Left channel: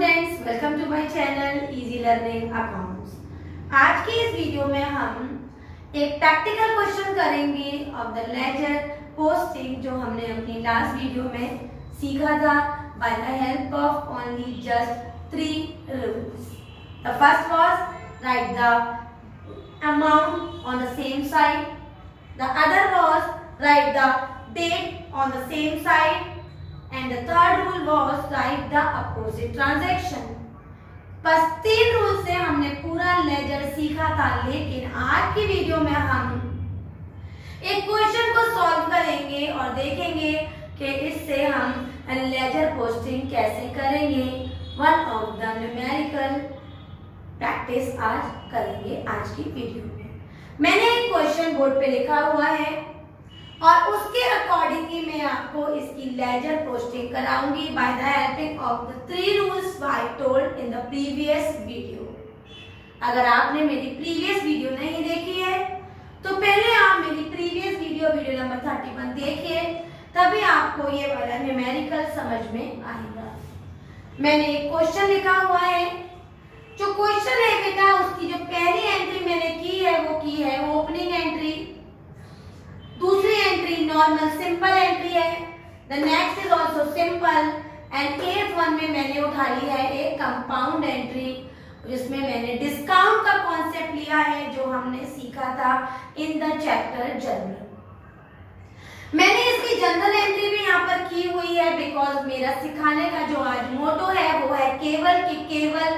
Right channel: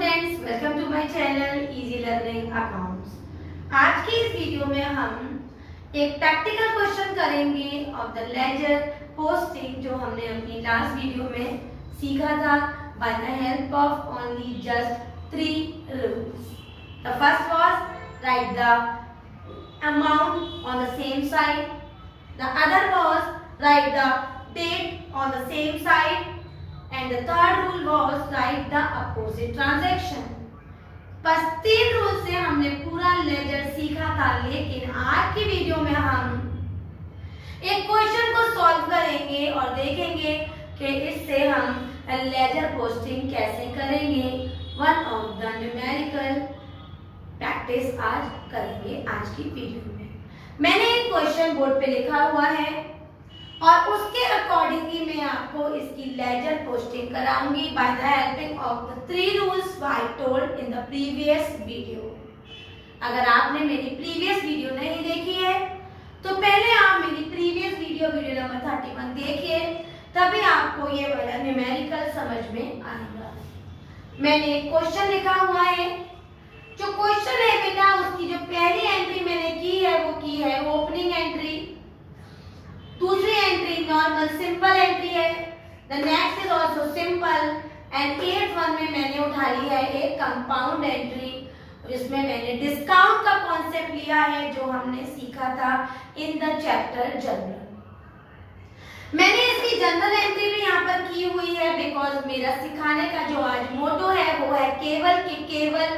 Students, welcome to my channel easy learning accounts. आज की इस वीडियो में हम एक प्रैक्टिकल क्वेश्चन करेंगे ऑफ द लेजर पोस्टिंग जो हमने अपनी लास्ट वीडियो में सीखा था by the help of only just 3 rules. The first was write the amount on the same side, the other was write the date on the same side and the third rule was write the opposite transaction। बस 3 rule से हमने पूरा laser सीखा था, लेकिन आज की video में हम एक क्वेश्चन को सॉल्व करेंगे और देखेंगे कि इससे हम लेजर पोस्टिंग कैसे करेंगे। One of the numerical practice आज करेंगे आज की वीडियो में। मैंने एक क्वेश्चन बोर्ड पे लिखा हुआ है और उसके अकॉर्डिंगली मैं आपको इसकी लेजर पोस्टिंग कराऊंगी by the helping of the 3 rules I told in the previous video. अगर आपने मेरी प्रीवियस वीडियो नहीं देखी है तो पहले आप मेरी प्रीवियस वीडियो नंबर 31 देखिए, तभी आपको ये वाला न्यूमेरिकल समझ में आएगा। मैंने एक क्वेश्चन लिखा हुआ है। जो क्वेश्चन है बेटा, उसकी जो पहली एंट्री मैंने की है वो की है ओपनिंग एंट्री, दूसरी एंट्री नॉर्मल सिंपल एंट्री है, the next is also simple and 8th one में मैंने उठा लिया है एक कंपाउंड एंट्री जिसमें मैंने डिस्काउंट का कॉन्सेप्ट लिया है जो हमने सीखा था इन द चैप्टर जनरल। मैंने इसकी जनरल एंट्री भी यहाँ पर की हुई है बिकॉज मेरा सिखाने का जो आज मोटो है वो है केवल कि केवल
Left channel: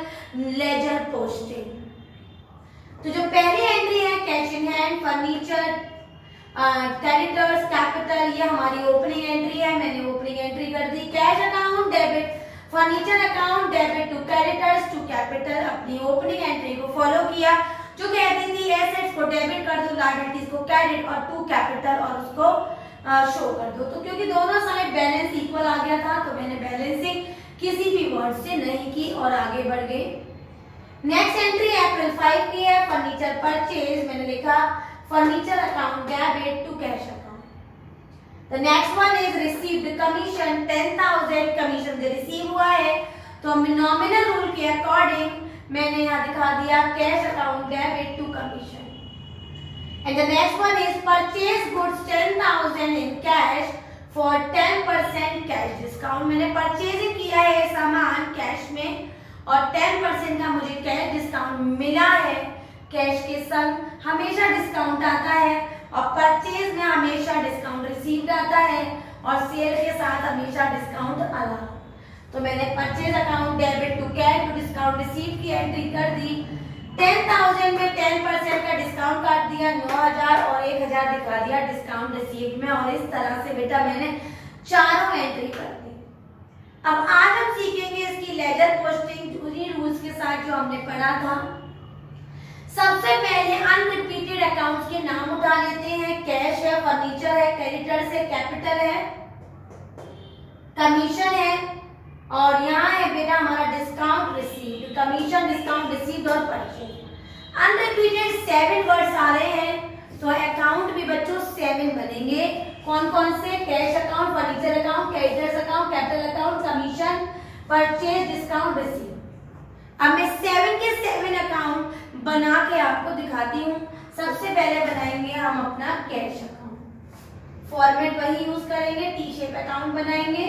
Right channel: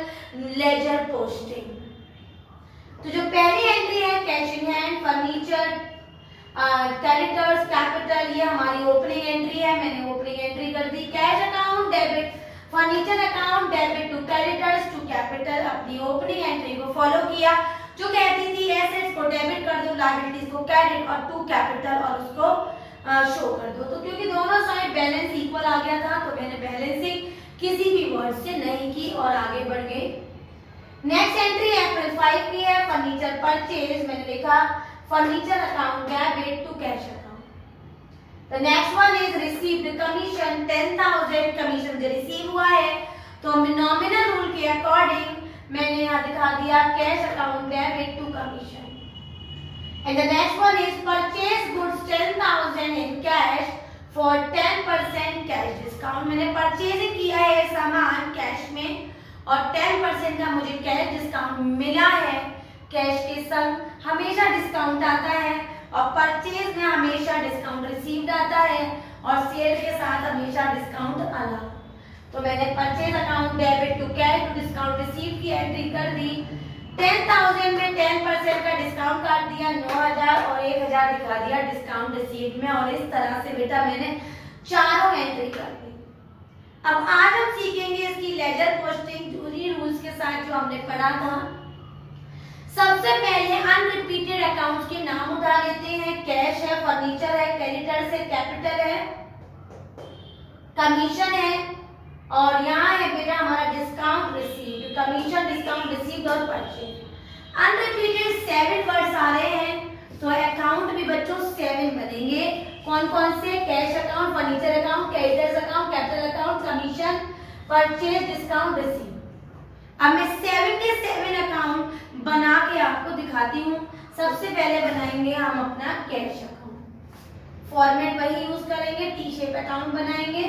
लेजर पोस्टिंग। तो जो पहली एंट्री है cash in hand, furniture, creditors, capital, ये हमारी ओपनिंग एंट्री है। मैंने ओपनिंग एंट्री कर दी। Cash account debit, furniture account debit to creditors to capital, अपनी ओपनिंग एंट्री को फॉलो किया जो कहती थी एसेट्स को डेबिट कर दो, लायबिलिटीज को क्रेडिट और टू कैपिटल और उसको शो कर दो। तो क्योंकि दोनों साइड बैलेंस इक्वल आ गया था तो मैंने बैलेंसिंग किसी भी वर्ड से नहीं की और आगे बढ़ गए। नेक्स्ट एंट्री अप्रैल 5 की है, फर्नीचर परचेज, मैंने लिखा furniture account debit to cash account. The next one is received commission 10,000, commission जो रिसीव हुआ है तो नॉमिनल रूल के अकॉर्डिंग मैंने यहाँ दिखा दिया cash account debit to commission. And the next one is purchase goods 10,000 in cash for 10% cash discount. मैंने परचेजिंग किया है सामान कैश में और 10% का मुझे कैश डिस्काउंट मिला है। कैश के संग हमेशा डिस्काउंट आता है और परचेज में हमेशा डिस्काउंट रिसीव्ड आता है और सेल के साथ हमेशा डिस्काउंट आना। तो मैंने purchase account debit to cash to discount receive की एंट्री कर दी। 10,000 में 10% का डिस्काउंट काट दिया, 9,000 और 1,000 दिखा दिया डिस्काउंट रिसीव में और इस तरह से बेटा मैंने चारों एंट्री कर दी। अब आज हम सीखेंगे इसकी लेजर पोस्टिंग पूरी रूल्स के साथ जो हमने पढ़ा था। सबसे पहले अनरिपीटेड अकाउंट्स के नाम उठा लेते हैं। कैश है, फर्नीचर है, क्रेडिटर्स है, कैपिटल है, कमीशन है और यहाँ है बेटा हमारा discount received, commission, discount received और परचेज। अनरिपीटेड 7 वर्ड्स आ रहे हैं तो अकाउंट भी बच्चों 7 बनेंगे। कौन कौन से? Cash account, furniture account, creditors account, capital account, commission, purchase, discount received. अब मैं 7 के 7 अकाउंट बना के आपको दिखाती हूँ। सबसे पहले बनाएंगे हम अपना कैश अकाउंट। फॉर्मेट वही यूज करेंगे, टी शेप अकाउंट बनाएंगे।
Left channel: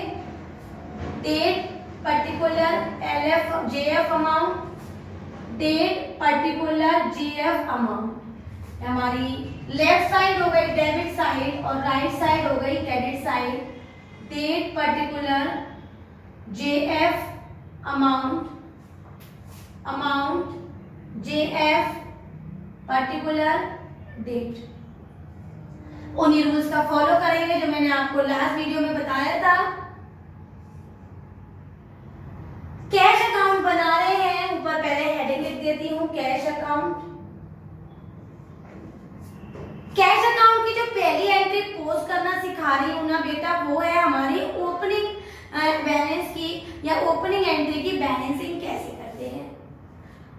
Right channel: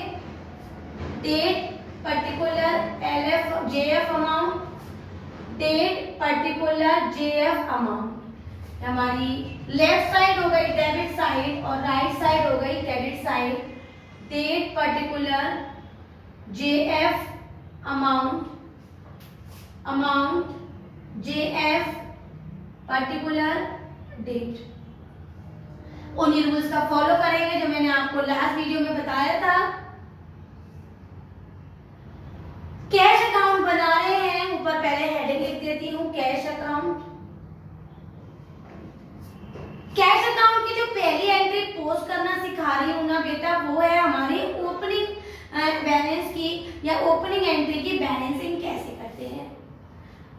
Date particular LF JF amount, date particular JF amount. हमारी लेफ्ट साइड हो गई डेबिट साइड और राइट साइड हो गई credit side. Date particular JF amount, amount JF particular date. उन्हीं रूल्स का फॉलो करेंगे जो मैंने आपको लास्ट वीडियो में बताया था। कैश अकाउंट बना रहे हैं, ऊपर पहले हेडिंग लिख देती हूँ कैश अकाउंट। कैश अकाउंट की जो पहली एंट्री पोस्ट करना सिखा रही हूँ ना बेटा, वो है हमारी ओपनिंग बैलेंस की या ओपनिंग एंट्री की बैलेंसिंग कैसे करते हैं।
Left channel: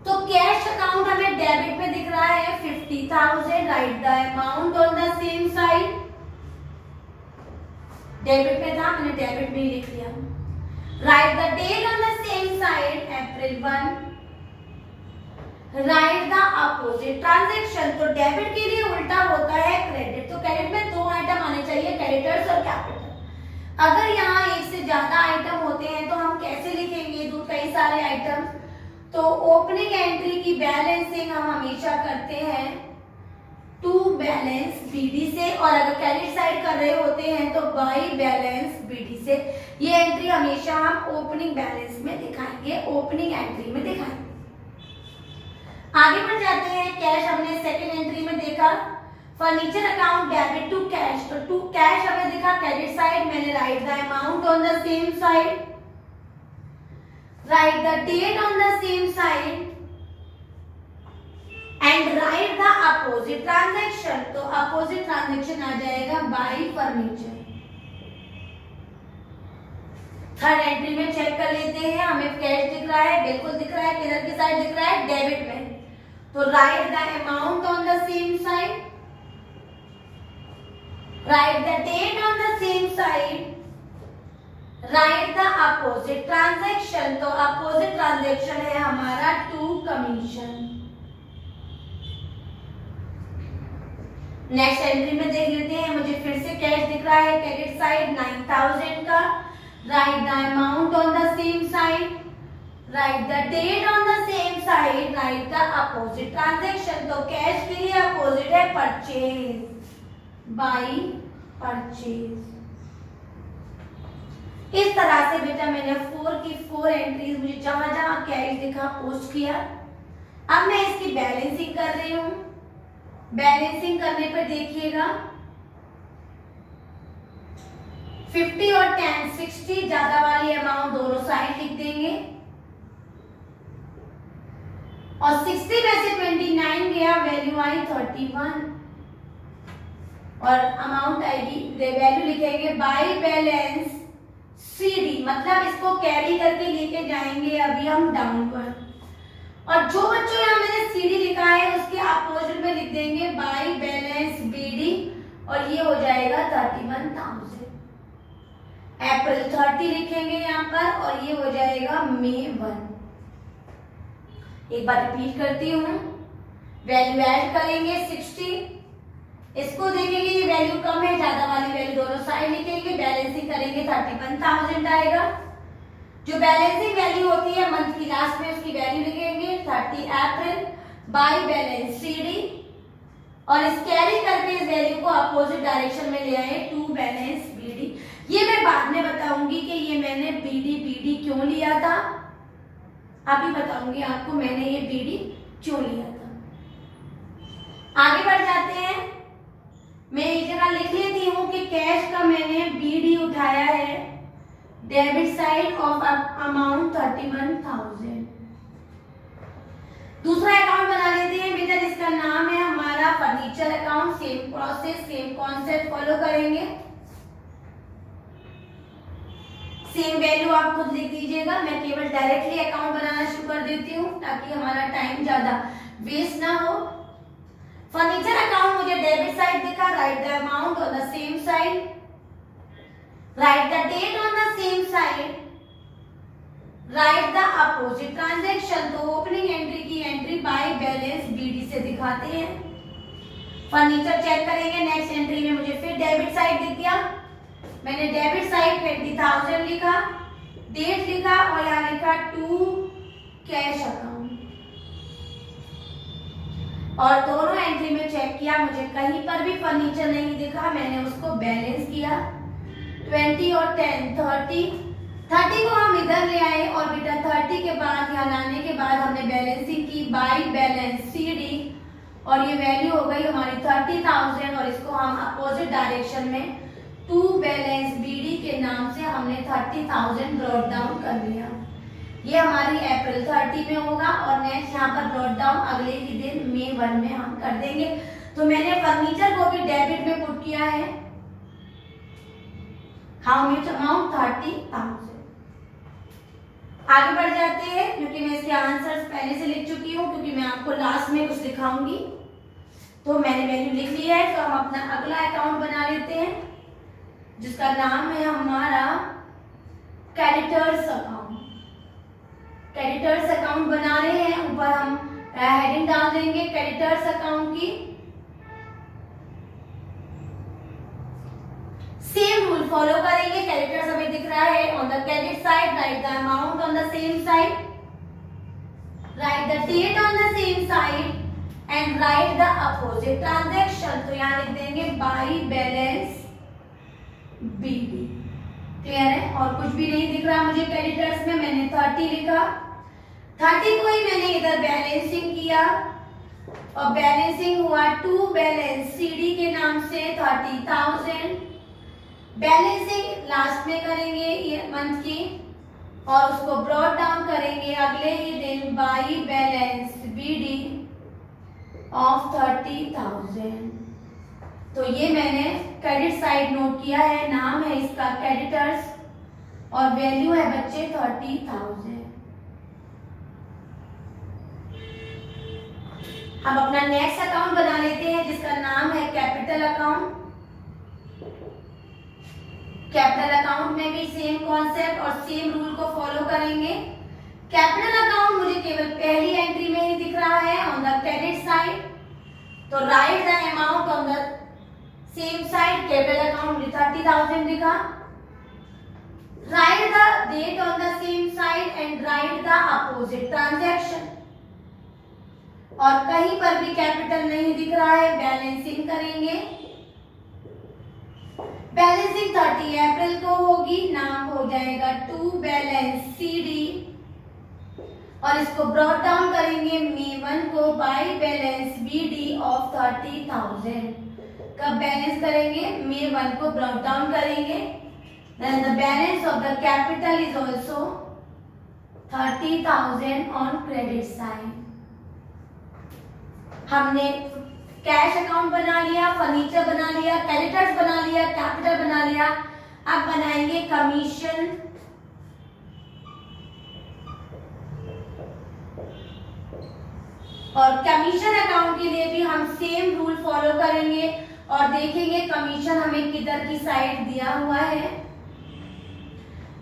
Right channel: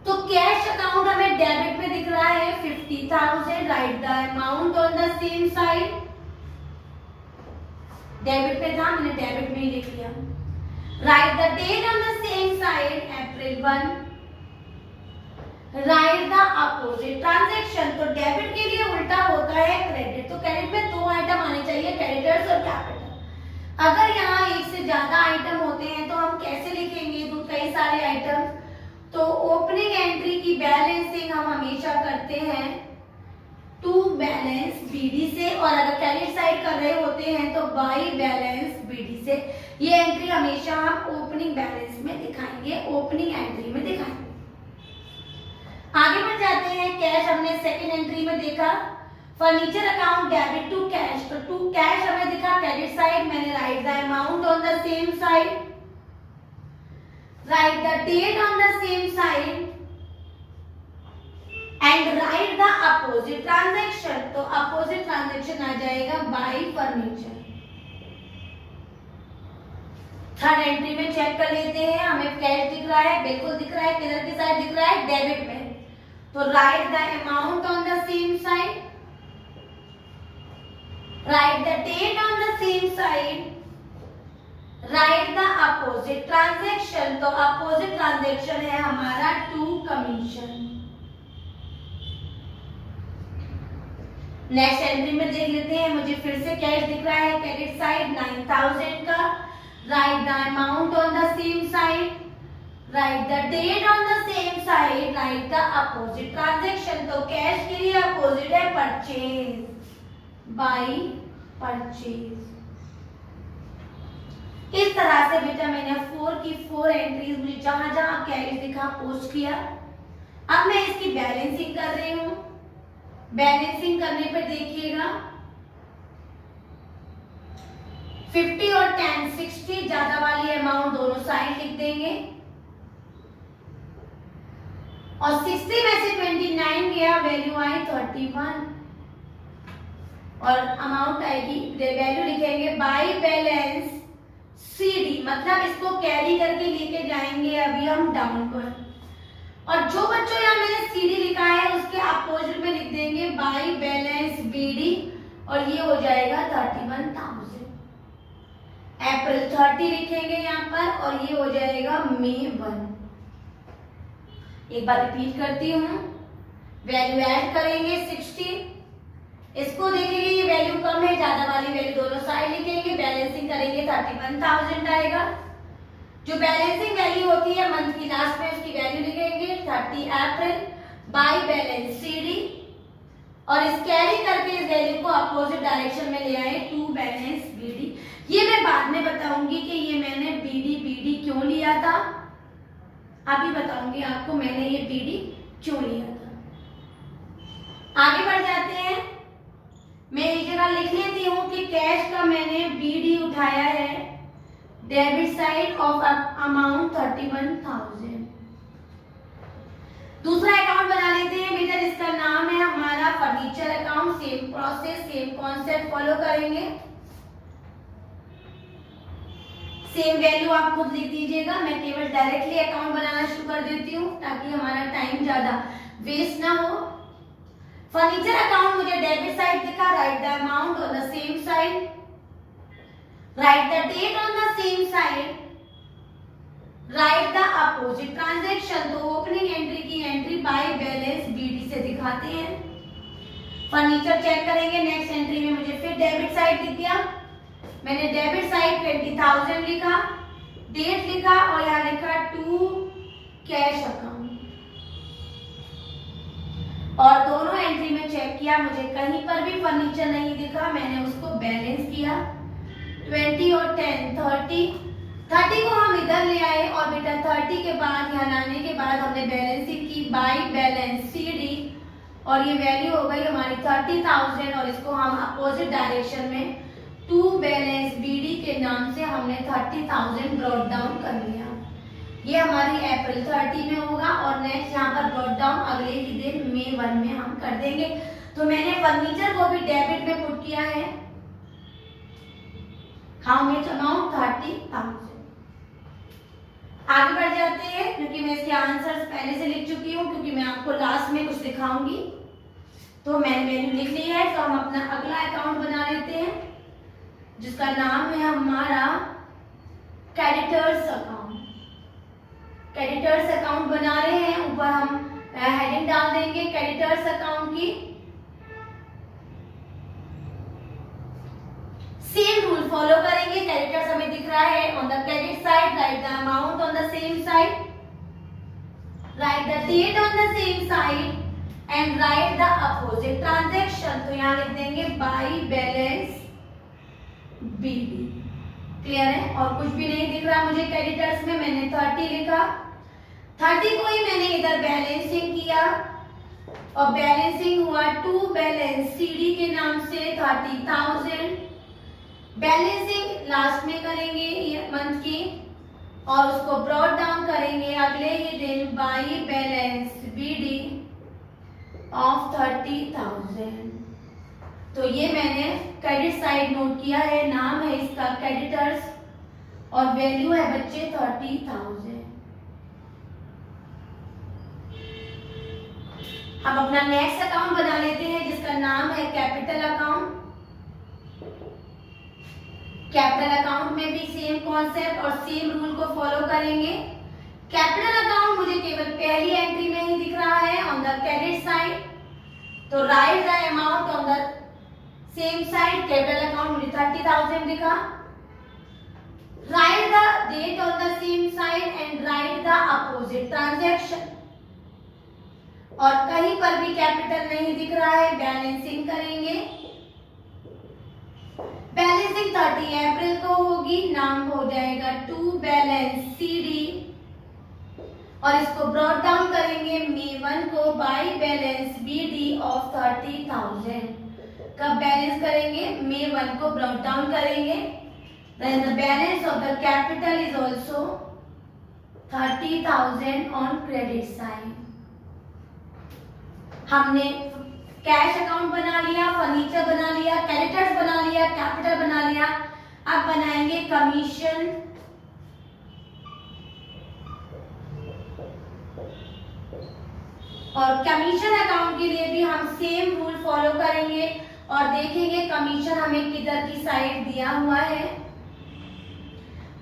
तो कैश अकाउंट हमें डेबिट में दिख रहा है 50,000, right the amount on the same side. Debit में था, मैंने डेबिट में ही लिख लिया। Write the date on the same side April 1. Right the opposite transaction, तो डेबिट के लिए उल्टा होता है क्रेडिट, तो क्रेडिट में दो आइटम आने चाहिए, क्रेडिटर्स और कैपिटल। अगर यहाँ एक से ज्यादा आइटम होते हैं तो हम कैसे लिखेंगे, दो कई सारे आइटम, तो ओपनिंग एंट्री की बैलेंसिंग हम हमेशा करते हैं टू बैलेंस बीडी से, और अगर क्रेडिट साइड कर रहे होते हैं तो बाई बैलेंस बीडी से। ये एंट्री हमेशा हम ओपनिंग बैलेंस में दिखाएंगे, ओपनिंग एंट्री में दिखाएंगे। आगे बढ़ जाते हैं, कैश हमने सेकंड एंट्री में देखा, furniture account debit to cash, तो टू कैश हमें दिखा क्रेडिट साइड, मैंने write the amount on the same side, right the date on the same side and write the opposite transaction, तो opposite transaction आ जाएगा by furniture. Third entry में check कर लेते हैं, हमें कैश दिख रहा है, बिल्कुल दिख रहा है, किधर की साइड दिख रहा है, डेबिट में, तो write the amount on the same side, right the date on the same side, right the opposite transaction, तो अपोजिट ट्रांजैक्शन है हमारा टू कमीशन। नेक्स्ट एंट्री में देख लेते हैं, मुझे फिर से कैश दिख रहा है, क्रेडिट साइड 9000 का, write the amount on the same side, right the date on the same side, right the opposite transaction, तो कैश के लिए अपोजिट है परचेज, बाई परचेज। इस तरह से बेटा मैंने 4 की 4 एंट्रीज, मुझे जहां जहां कैश दिखा पोस्ट किया। अब मैं इसकी बैलेंसिंग कर रही हूं, बैलेंसिंग करने पर देखिएगा 50 और 10 60, ज्यादा वाली अमाउंट दोनों साइड लिख देंगे, और 60 में से 29 गया, वैल्यू आई 31, और अमाउंट आएगी, वैल्यू लिखेंगे बाई बैलेंस सीडी, मतलब इसको कैरी करके लेके जाएंगे अभी हम डाउनवर्ड, और जो बच्चों यहाँ मैंने सीडी लिखा है उसके अपोजिट में लिख देंगे बाई बैलेंस बीडी, और ये हो जाएगा 31,000। अप्रैल 30 लिखेंगे यहाँ पर, और ये हो जाएगा मई 1। एक बार रिपीट करती हूँ, वैल्यू ऐड करेंगे 60, इसको देखेंगे ये वैल्यू कम है, ज्यादा वाली वैल्यू दोनों साइड लिखेंगे, बैलेंसिंग करेंगे 31,000 आएगा। जो बैलेंसिंग वैल्यू होती है मंथ की लास्ट में उसकी वैल्यू लिखेंगे 30 अप्रैल बाई बैलेंस सीडी, और इस कैरी करके इस वैल्यू को अपोजिट डायरेक्शन में ले आए टू बैलेंस बीडी। ये मैं बाद में बताऊंगी कि ये मैंने बीडी बीडी क्यों लिया था, अभी बताऊंगी आपको मैंने ये बीडी क्यों लिया था। आगे बढ़ जाते हैं, मैं एक जगह लिख लेती हूँ कि कैश का मैंने बीडी उठाया है, डेबिट साइड ऑफ अमाउंट 31,000। दूसरा अकाउंट बना लेते हैं बेटा, जिसका नाम है हमारा furniture account. Same process, same concept follow करेंगे, सेम वैल्यू आप खुद लिख दीजिएगा। मैं केवल डायरेक्टली अकाउंट बनाना शुरू कर देती हूँ ताकि हमारा टाइम ज्यादा वेस्ट ना हो। फर्नीचर अकाउंट मुझे डेबिट साइड दिखा, write the amount on the same side, right the date on the same side, right the opposite transaction, तो ओपनिंग एंट्री की एंट्री बाय बैलेंस बीडी से दिखाते हैं। फर्नीचर चेक करेंगे, नेक्स्ट एंट्री में मुझे फिर डेबिट साइड दिख गया, मैंने डेबिट साइड 20,000 लिखा, डेट लिखा और यहाँ लिखा टू कैश अकाउंट, और दोनों एंट्री में चेक किया, मुझे कहीं पर भी फर्नीचर नहीं दिखा, मैंने उसको बैलेंस किया 20 और 10 30 को हम इधर ले आए, और बेटा 30 के बाद यहाँ लाने के बाद हमने बैलेंसिंग की बाई बैलेंस सीडी, और ये वैल्यू हो गई हमारी 30,000, और इसको हम अपोजिट डायरेक्शन में टू बैलेंस बीडी के नाम से हमने 30,000 ब्रॉट डाउन कर लिया। ये हमारी अप्रैल 30 में होगा, और नेक्स्ट यहाँ पर ब्रॉट डाउन अगले ही दिन मई 1 में हम कर देंगे। तो मैंने फर्नीचर को भी डेबिट में पुट किया है, हाउ मच अमाउंट 30,000। आगे बढ़ जाते हैं, क्योंकि मैं इसके आंसर्स पहले से लिख चुकी हूँ, क्योंकि मैं आपको लास्ट में कुछ दिखाऊंगी, तो मैंने वैल्यू लिख ली है। तो हम अपना अगला अकाउंट बना लेते हैं, जिसका नाम है हमारा क्रेडिटर्स अकाउंट। क्रेडिटर्स अकाउंट बना रहे हैं, ऊपर हम हेडिंग डाल देंगे क्रेडिटर्स अकाउंट की। सेम रूल फॉलो करेंगे, क्रेडिटर्स हमें दिख रहा है on the credit side, right the amount on the same side, right the date on the same side and write the opposite transaction. तो यहाँ लिख देंगे बाई बैलेंस बीडी। क्लियर है? और कुछ भी नहीं दिख रहा मुझे क्रेडिटर्स में, मैंने 30 लिखा, 30 को ही मैंने इधर बैलेंसिंग किया और बैलेंसिंग हुआ टू बैलेंस सीडी के नाम से 30,000। बैलेंसिंग लास्ट में करेंगे ये मंथ की और उसको ब्रॉड डाउन करेंगे अगले ही दिन बाई बैलेंस बीडी ऑफ 30,000। तो ये मैंने क्रेडिट साइड नोट किया है, नाम है इसका क्रेडिटर्स और वैल्यू है बच्चे 30,000। हम अपना नेक्स्ट अकाउंट बना लेते हैं जिसका नाम है कैपिटल अकाउंट। कैपिटल अकाउंट में भी सेम कॉन्सेप्ट और सेम रूल को फॉलो करेंगे। कैपिटल अकाउंट मुझे केवल पहली एंट्री में ही दिख रहा है ऑन द क्रेडिट साइड, तो write the amount on the same side. Capital account मुझे 30,000 दिखा, write the date on the same side and write the opposite transaction. और कहीं पर भी कैपिटल नहीं दिख रहा है, बैलेंसिंग करेंगे। बैलेंसिंग 30 अप्रैल को होगी, नाम हो जाएगा टू बैलेंस सीडी और इसको ब्रॉड डाउन करेंगे मे 1 को बाई बैलेंस बीडी ऑफ 30,000। कब बैलेंस करेंगे? मे 1 को ब्रॉड डाउन करेंगे। Then the balance of the capital is also 30,000 on credit side. हमने कैश अकाउंट बना लिया, फर्नीचर बना लिया, क्रेडिटर्स बना लिया, कैपिटल बना लिया। अब बनाएंगे कमीशन। और कमीशन अकाउंट के लिए भी हम सेम रूल फॉलो करेंगे और देखेंगे कमीशन हमें किधर की साइड दिया हुआ है।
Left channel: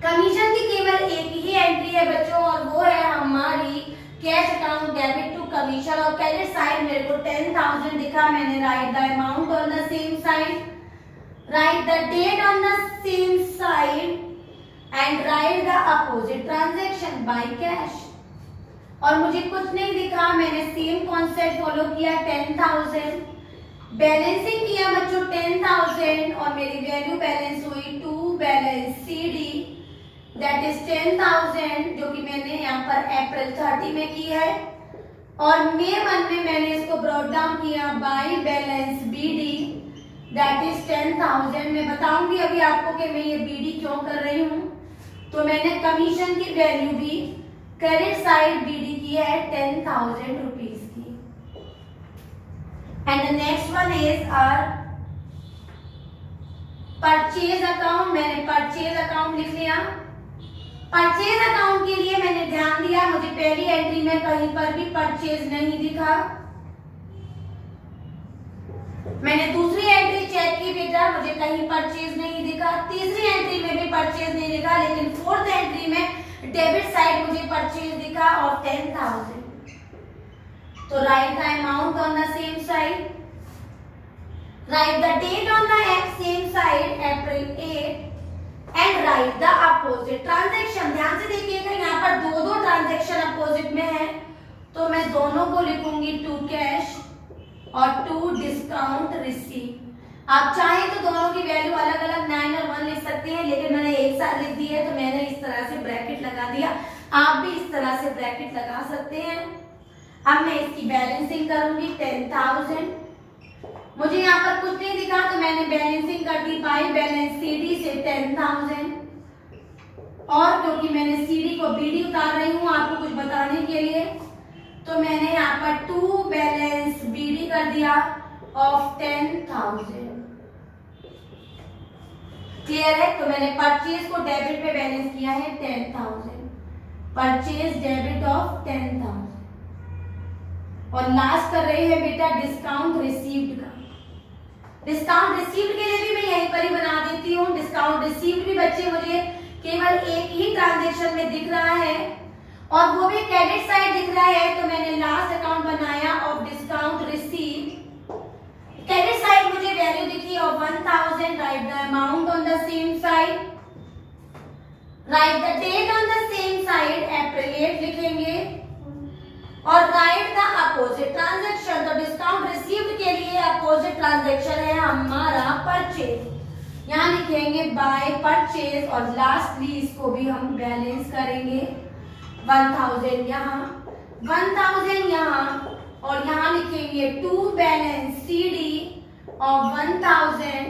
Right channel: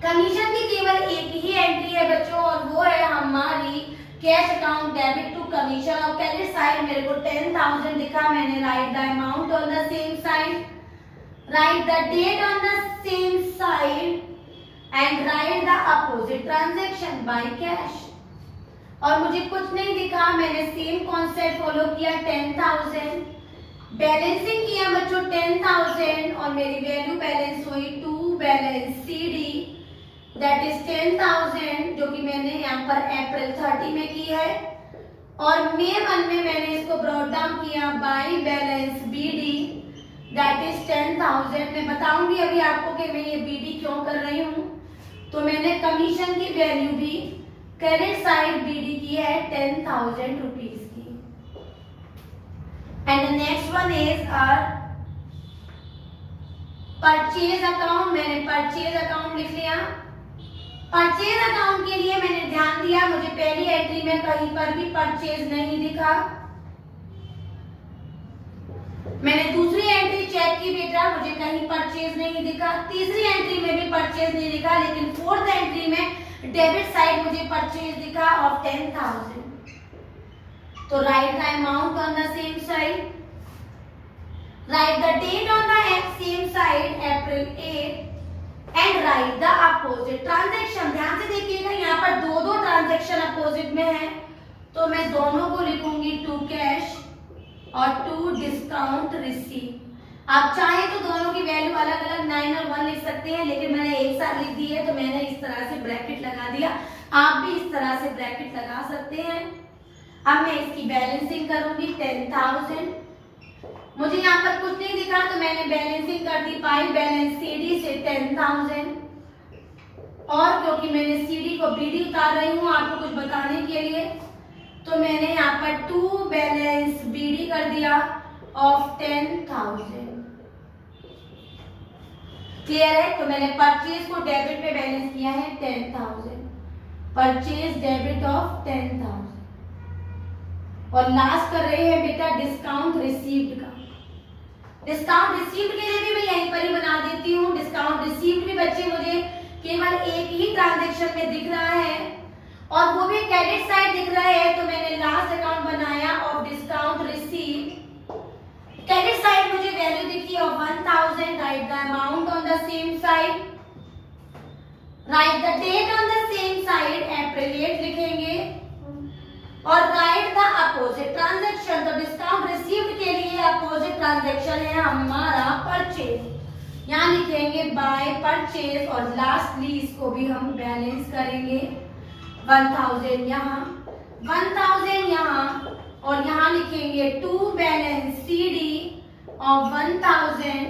कमीशन की केवल एक ही एंट्री है बच्चों और वो है हमारी cash account debit to commission. और क्रेडिट साइड मेरे को 10,000 दिखा, मैंने write the amount on the same side, right the date on the same side and write the opposite transaction by cash. और मुझे कुछ नहीं दिखा, मैंने सेम कॉन्सेप्ट फॉलो किया 10,000। बैलेंसिंग किया बच्चों 10,000 और मेरी वैल्यू बैलेंस हुई to balance CD that is 10,000 जो कि मैंने यहाँ पर अप्रैल 30 में की है। और मे 1 में मैंने इसको ब्रॉड डाउन किया by balance BD that is 10,000। मैं बताऊंगी अभी आपको कि मैं ये बीडी क्यों कर रही हूँ। तो मैंने कमीशन की वैल्यू भी क्रेडिट साइड बीडी की है 10,000 रुपीज की। And the next one is our purchase account. मैंने परचेज अकाउंट लिख लिया। परचेज अकाउंट के लिए मैंने ध्यान दिया, मुझे पहली एंट्री में कहीं पर भी परचेज नहीं दिखा। मैंने दूसरी एंट्री चेक की बेटा, मुझे कहीं परचेज नहीं दिखा। तीसरी एंट्री में भी परचेज नहीं दिखा, लेकिन फोर्थ एंट्री में डेबिट साइड मुझे परचेज दिखा और 10,000। तो write the amount on the same side, right the date on the same side April 8 and write the opposite transaction. ध्यान से देखिएगा यहाँ पर दो ट्रांजैक्शन अपोजिट में है, तो मैं दोनों को लिखूंगी टू कैश और टू डिस्काउंट रिसीव। आप चाहे तो दोनों की वैल्यू अलग अलग 9 और 1 लिख सकते हैं, लेकिन मैंने एक साथ लिख दी है तो मैंने इस तरह से ब्रैकेट लगा दिया। आप भी इस तरह से ब्रैकेट लगा सकते हैं। अब मैं इसकी बैलेंसिंग करूंगी 10,000। मुझे यहाँ पर कुछ नहीं दिखा तो मैंने बैलेंसिंग कर दी बाई बैलेंस सीडी से 10,000। और क्योंकि मैंने सीडी को बीडी उतार रही हूँ आपको कुछ बताने के लिए, तो मैंने यहाँ पर टू बैलेंस बीडी कर दिया ऑफ 10,000। क्लियर है? तो मैंने परचेज को डेबिट में बैलेंस किया है 10,000, परचेज डेबिट ऑफ 10,000। और लास्ट कर रहे हैं बेटा डिस्काउंट रिसीव्ड का। डिस्काउंट रिसीव्ड के लिए भी मैं यहीं पर ही बना देती हूँ। डिस्काउंट रिसीव्ड भी बच्चे मुझे केवल एक ही ट्रांजैक्शन में दिख रहा है और वो क्रेडिट साइड दिख रहा है तो मैंने लास्ट अकाउंट बनाया of discount receive. Credit side मुझे वैल्यू दिखी of 1000, right the amount on the same side, right the date on the same side, April 8 लिखेंगे और राइट द अपोजिट ट्रांजैक्शन। तो डिस्काउंट रिसीव्ड के लिए अपोजिट ट्रांजैक्शन है हमारा परचेज, यहाँ लिखेंगे बाय परचेज और लास्टली इसको भी हम बैलेंस करेंगे 1000 यहाँ, 1000 यहाँ और यहाँ लिखेंगे टू बैलेंस सीडी ऑफ 1000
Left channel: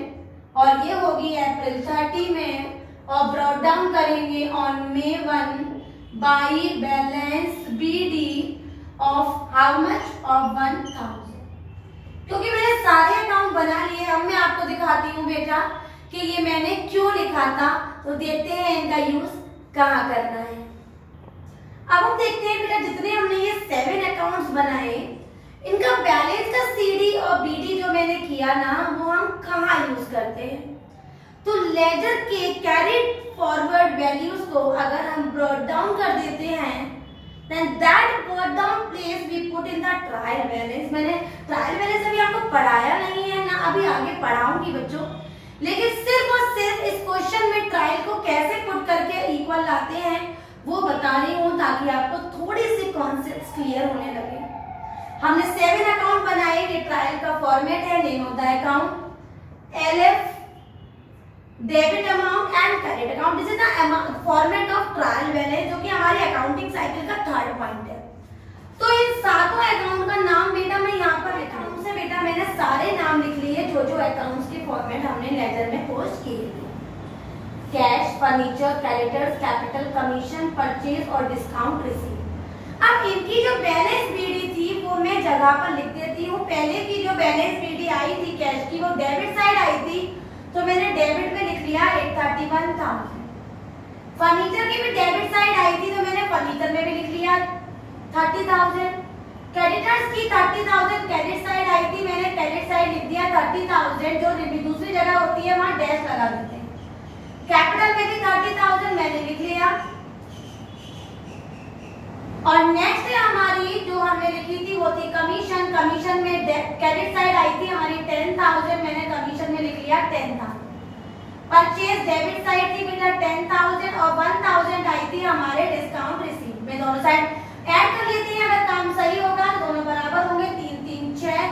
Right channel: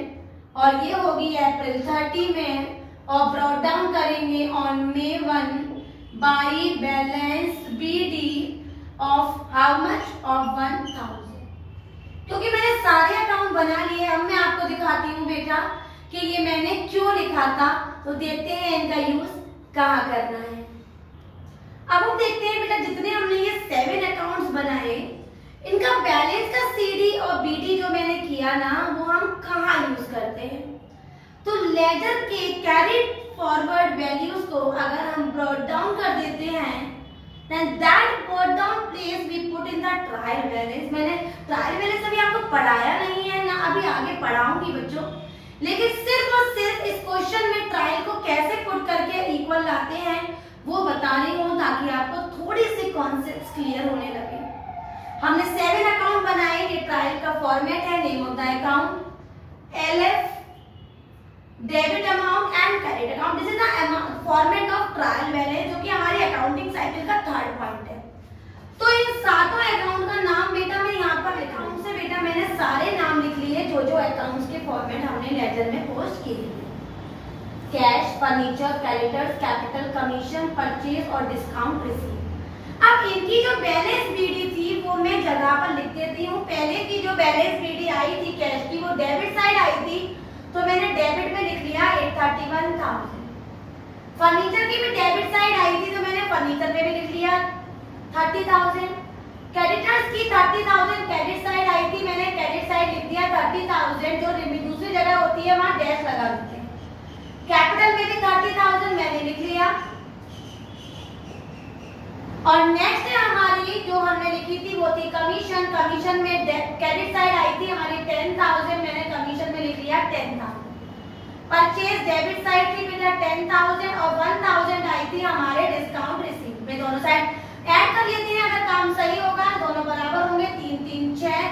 और ये होगी अप्रैल 30 में और ब्रॉट डाउन करेंगे on May 1 by balance BD of how much of 1000। क्योंकि मैंने सारे अकाउंट बना लिए, अब मैं आपको दिखाती हूँ बेटा कि ये मैंने क्यों लिखा था। तो देखते हैं इनका यूज कहाँ करना है। अब हम देखते हैं बेटा जितने हमने ये 7 अकाउंट्स बनाए इनका बैलेंस का सीडी और बीडी जो मैंने किया ना वो हम कहाँ यूज करते हैं। तो लेजर के कैरिड फॉरवर्ड वैल्यूज को अगर हम ब्रॉट डाउन कर देते हैं then that brought down place we put in the trial balance। मैंने ट्रायल बैलेंस अभी आपको पढ़ाया नहीं है ना अभी आगे पढ़ाऊंगी बच्चों, लेकिन सिर्फ और सिर्फ इस क्वेश्चन में ट्रायल को कैसे पुट करके इक्वल लाते हैं वो बता रही हूँ ताकि आपको थोड़ी सी कॉन्सेप्ट्स क्लियर होने लगे। हमने 7 अकाउंट बनाए, ये ट्रायल का फॉर्मेट है, name of the account LF, debit amount and credit account. This is the format of trial balance जो कि हमारी अकाउंटिंग साइकिल का 3rd पॉइंट है। तो इन सातों अकाउंट का नाम बेटा मैं यहाँ पर अकाउंट से बेटा मैंने सारे नाम लिख लिए जो जो अकाउंट्स के फॉर्मेट हमने लेजर में पोस्ट किए थे। Cash, furniture, creditors, capital, commission, purchase और डिस्काउंट रिसीव। अब इनकी जो बैलेंस बीडी थी वो मैं जगह पर लिख देती हूँ। पहले की जो बैलेंस बीडी आई थी कैश की वो डेबिट साइड आई थी तो मैंने डेबिट में लिख लिया 831,000। फर्नीचर की भी डेबिट साइड आई थी तो मैंने फर्नीचर में भी लिख लिया 30,000। क्रेडिटर्स की 30,000 क्रेडिट साइड आई थी, मैंने क्रेडिट साइड लिख दिया 30,000, जो दूसरी जगह होती है वहां डैश लगा देते हैं। कैपिटल में भी 30,000 मैंने लिख लिया और नेक्स्ट हमारी जो हमने लिखी थी वो थी कमीशन। कमीशन में क्रेडिट साइड आई थी हमारी 10,000, मैंने कमीशन में लिख लिया 10,000। परचेज डेबिट साइड थी बेटा 10,000 और 1,000 आई थी हमारे डिस्काउंट रिसीव में। दोनों साइड ऐड कर लेते हैं, अगर काम सही होगा तो दोनों बराबर होंगे। 3 3 6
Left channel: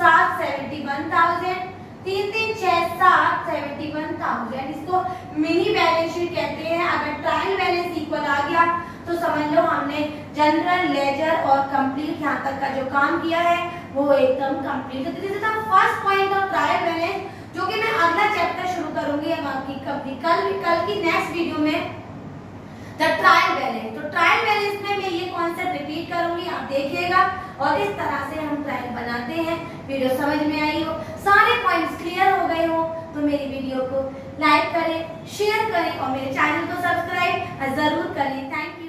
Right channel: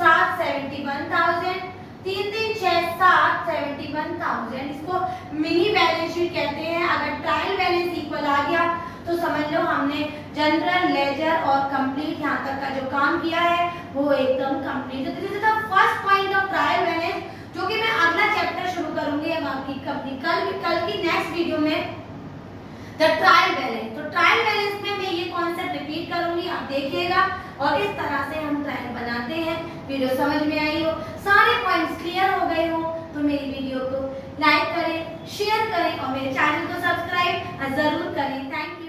7 71,000, 3 3 6 7 71,000। इसको मिनी बैलेंस शीट कहते हैं। अगर ट्रायल बैलेंस इक्वल आ गया तो समझ लो हमने जनरल, लेजर और कंप्लीट यहाँ तक का जो काम किया है वो एकदम complete. This is the first point of trial balance जो कि मैं अगला चैप्टर शुरू करूंगी कल की नेक्स्ट वीडियो में द ट्रायल बैलेंस। तो ट्रायल बैलेंस में मैं ये कॉन्सेप्ट रिपीट करूंगी, आप देखिएगा और इस तरह से हम ट्रायल बनाते हैं। वीडियो समझ में आई हो, सारे पॉइंट्स क्लियर हो गए हो तो मेरी वीडियो को लाइक करें, शेयर करें और मेरे चैनल को सब्सक्राइब जरूर करें। Thank you.